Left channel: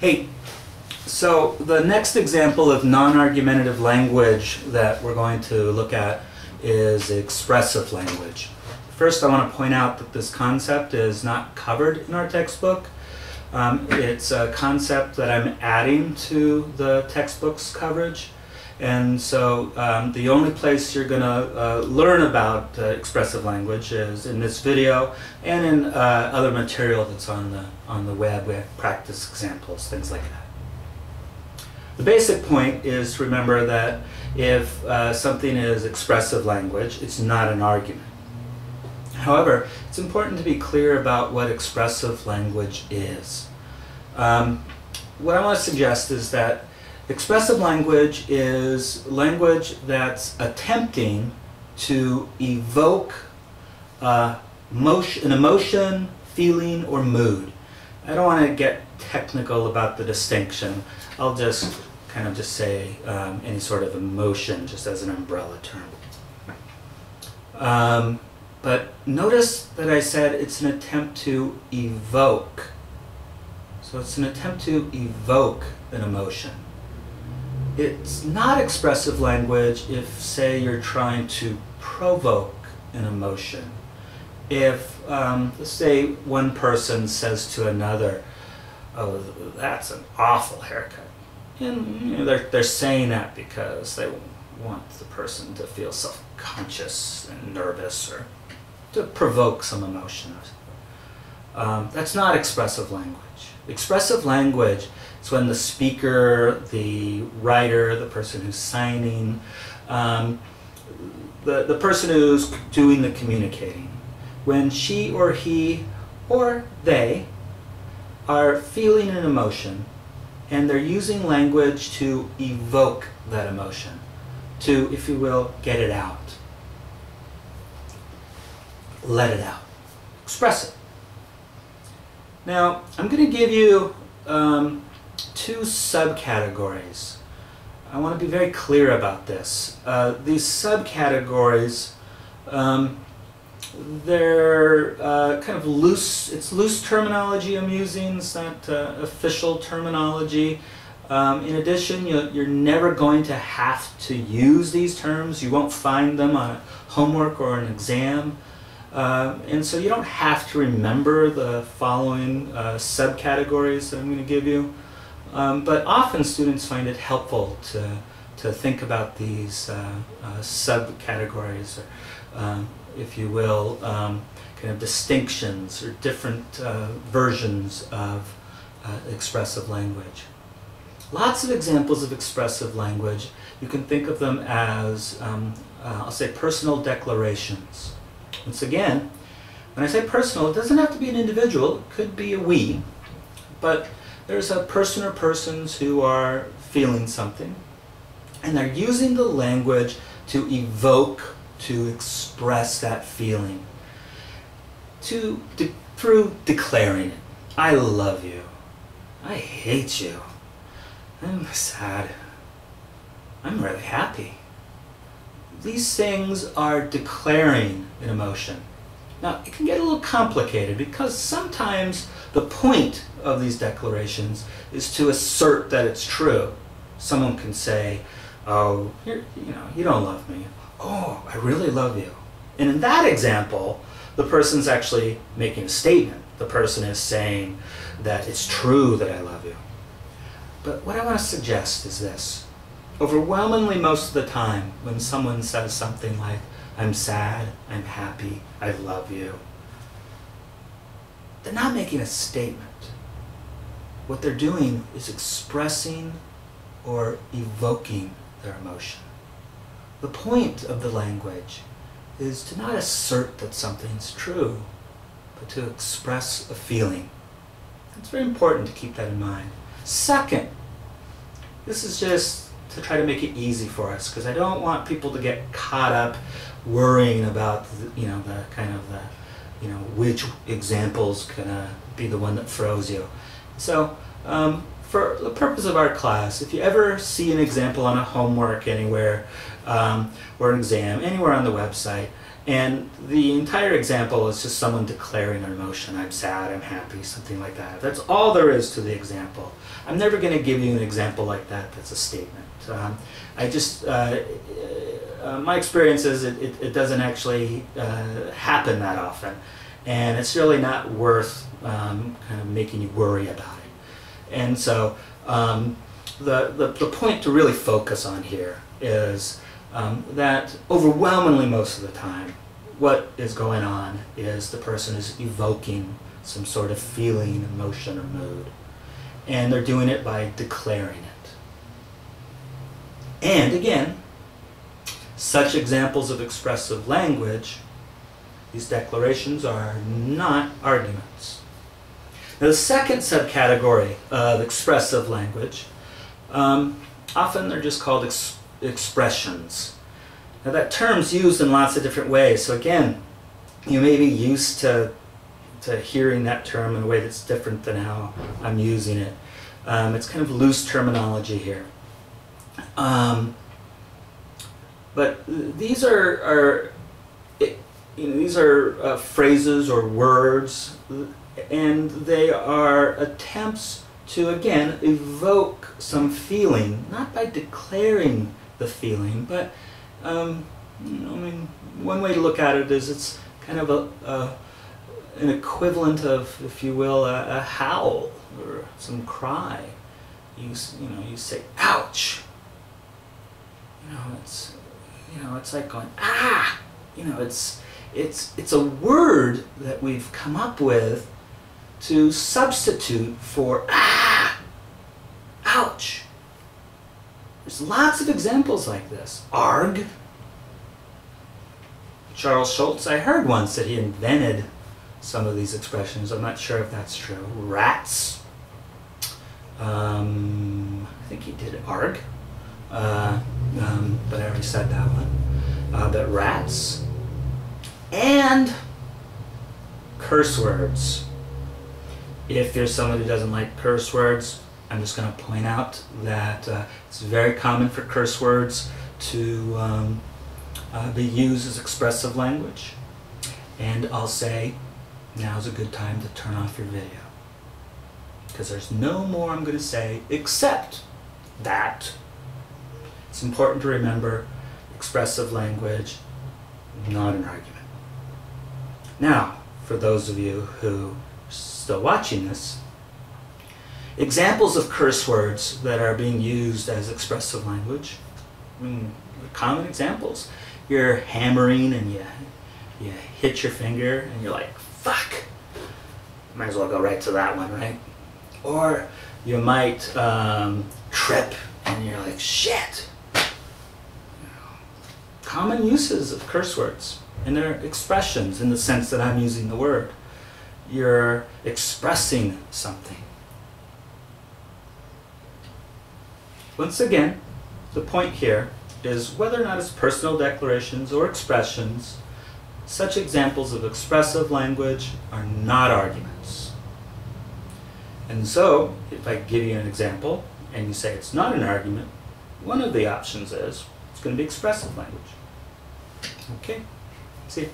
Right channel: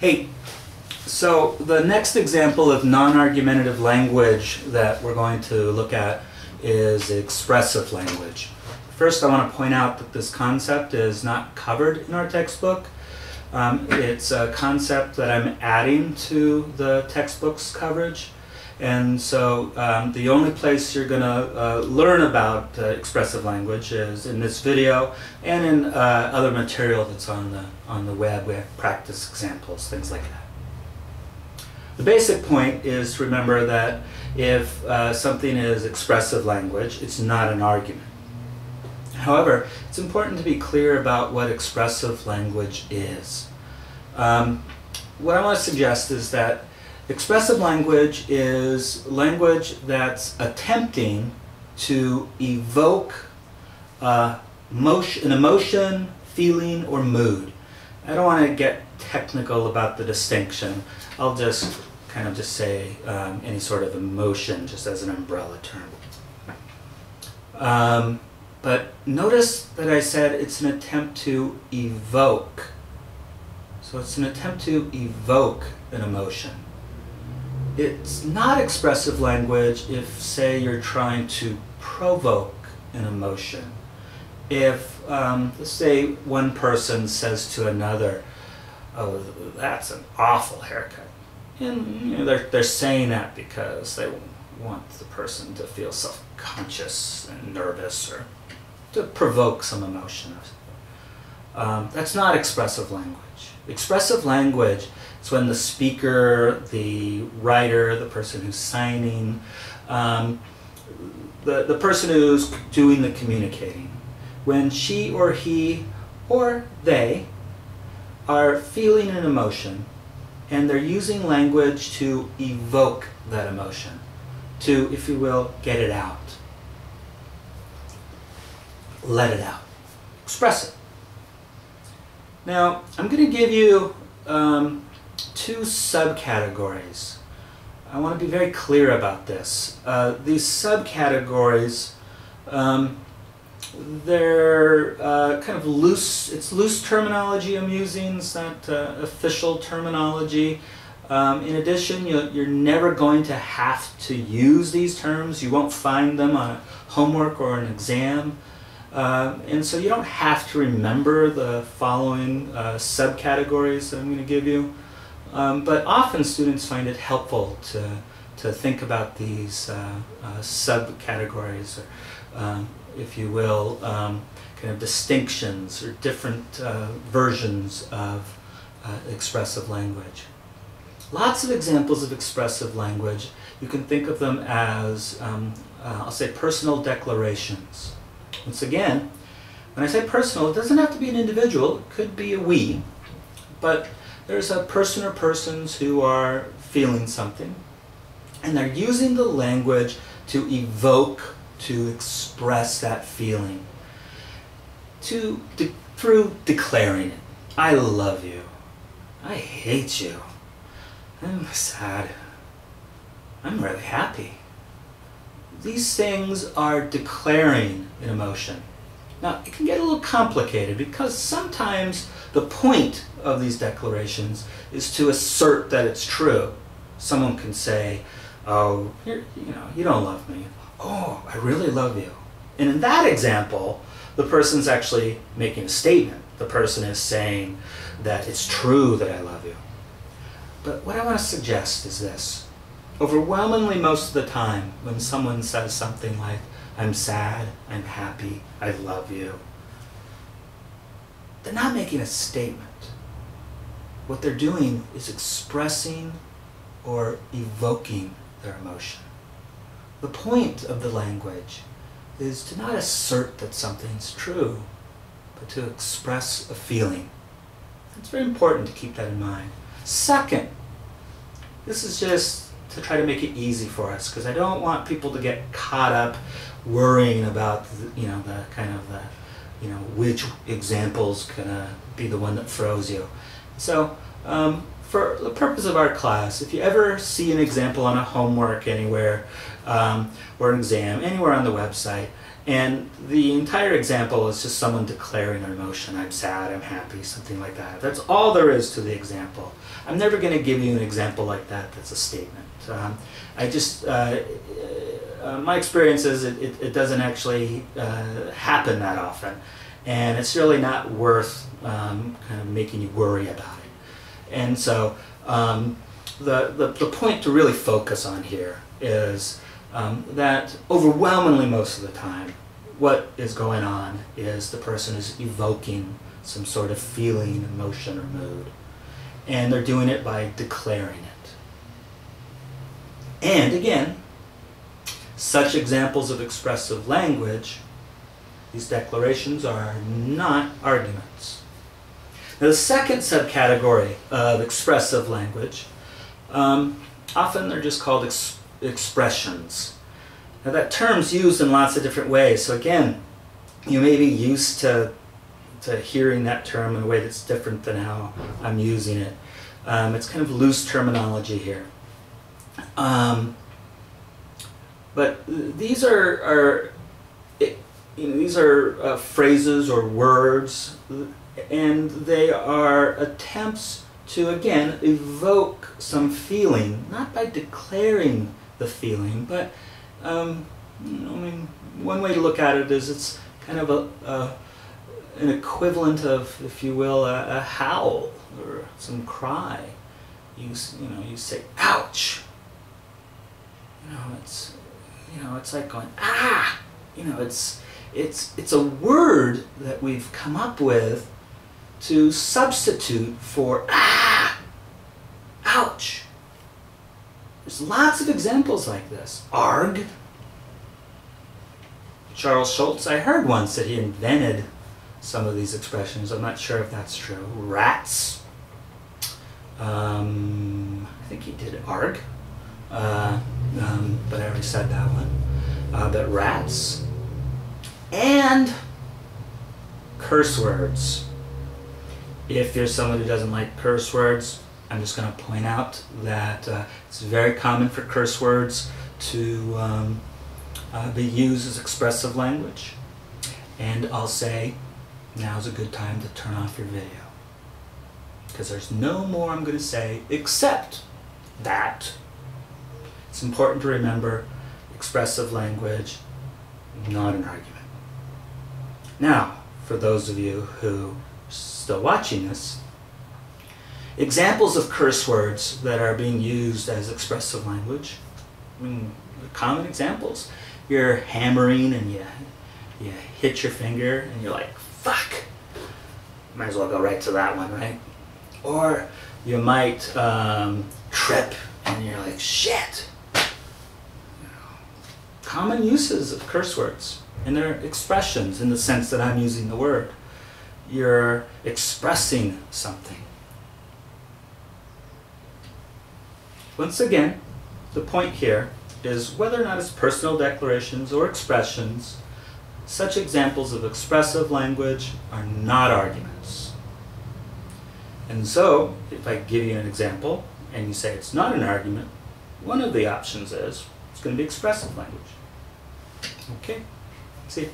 Hey, so the next example of non-argumentative language that we're going to look at is expressive language. First, I want to point out that this concept is not covered in our textbook. It's a concept that I'm adding to the textbook's coverage. And so the only place you're going to learn about expressive language is in this video and in other material that's on the web. We have practice examples, things like that. The basic point is to remember that if something is expressive language, it's not an argument. However, it's important to be clear about what expressive language is. What I want to suggest is that expressive language is language that's attempting to evoke an emotion, feeling, or mood. I don't want to get technical about the distinction. I'll just kind of just say any sort of emotion, just as an umbrella term. But notice that I said it's an attempt to evoke. So it's an attempt to evoke an emotion. It's not expressive language if, say, you're trying to provoke an emotion. If, let's say, one person says to another, "Oh, that's an awful haircut," and they're saying that because they want the person to feel self-conscious and nervous or to provoke some emotion. That's not expressive language. Expressive language is when the speaker, the writer, the person who's signing, the person who's doing the communicating, when she or he or they are feeling an emotion and they're using language to evoke that emotion, to, if you will, get it out. Let it out. Express it. Now, I'm going to give you two subcategories. I want to be very clear about this. These subcategories, they're kind of loose. It's loose terminology I'm using. It's not official terminology. In addition, you're never going to have to use these terms. You won't find them on a homework or an exam. And so you don't have to remember the following subcategories that I'm going to give you. But often students find it helpful to think about these subcategories, or, if you will, kind of distinctions or different versions of expressive language. Lots of examples of expressive language. You can think of them as, I'll say, personal declarations. Once again, when I say personal, it doesn't have to be an individual. It could be a we. But there's a person or persons who are feeling something, and they're using the language to evoke, to express that feeling, through declaring it. I love you. I hate you. I'm sad. I'm really happy. These things are declaring an emotion. Now, it can get a little complicated because sometimes the point of these declarations is to assert that it's true. Someone can say, "Oh, you don't love me." "Oh, I really love you." And in that example, the person's actually making a statement. The person is saying that it's true that I love you. But what I want to suggest is this. Overwhelmingly most of the time, when someone says something like, "I'm sad, I'm happy, I love you," they're not making a statement. What they're doing is expressing or evoking their emotion. The point of the language is to not assert that something's true, but to express a feeling. It's very important to keep that in mind. Second, this is just to try to make it easy for us, because I don't want people to get caught up worrying about which example's gonna be the one that throws you. So for the purpose of our class, if you ever see an example on a homework anywhere or an exam anywhere on the website, And the entire example is just someone declaring an emotion. I'm sad, I'm happy, something like that. That's all there is to the example. I'm never going to give you an example like that that's a statement. My experience is it doesn't actually happen that often. And it's really not worth kind of making you worry about it. And so the point to really focus on here is that overwhelmingly most of the time, what is going on is the person is evoking some sort of feeling, emotion, or mood. And they're doing it by declaring it. And again, such examples of expressive language, these declarations are not arguments. Now, the second subcategory of expressive language, often they're just called expressions. Now, that term's used in lots of different ways. So again, you may be used to hearing that term in a way that's different than how I'm using it. It's kind of loose terminology here. But these are phrases or words, and they are attempts to, again, evoke some feeling, not by declaring the feeling, but one way to look at it is it's kind of an equivalent of, if you will, a howl or some cry. You say, ouch. It's like going, ah. It's a word that we've come up with to substitute for ah, ouch. There's lots of examples like this. Arg. Charles Schultz, I heard once that he invented some of these expressions. I'm not sure if that's true. Rats. I think he did arg. But I already said that one. But rats. And curse words. If you're someone who doesn't like curse words, I'm just going to point out that it's very common for curse words to be used as expressive language. And I'll say, now's a good time to turn off your video. Because there's no more I'm going to say except that. It's important to remember expressive language, not an argument. Now, for those of you who are still watching this, examples of curse words that are being used as expressive language, common examples. You're hammering and you hit your finger and you're like, fuck. Might as well go right to that one, right? Or you might trip and you're like, shit. Common uses of curse words, and they're expressions in the sense that I'm using the word. You're expressing something. Once again, the point here is whether or not it's personal declarations or expressions, such examples of expressive language are not arguments. And so, if I give you an example and you say it's not an argument, one of the options is it's going to be expressive language. Okay, see you.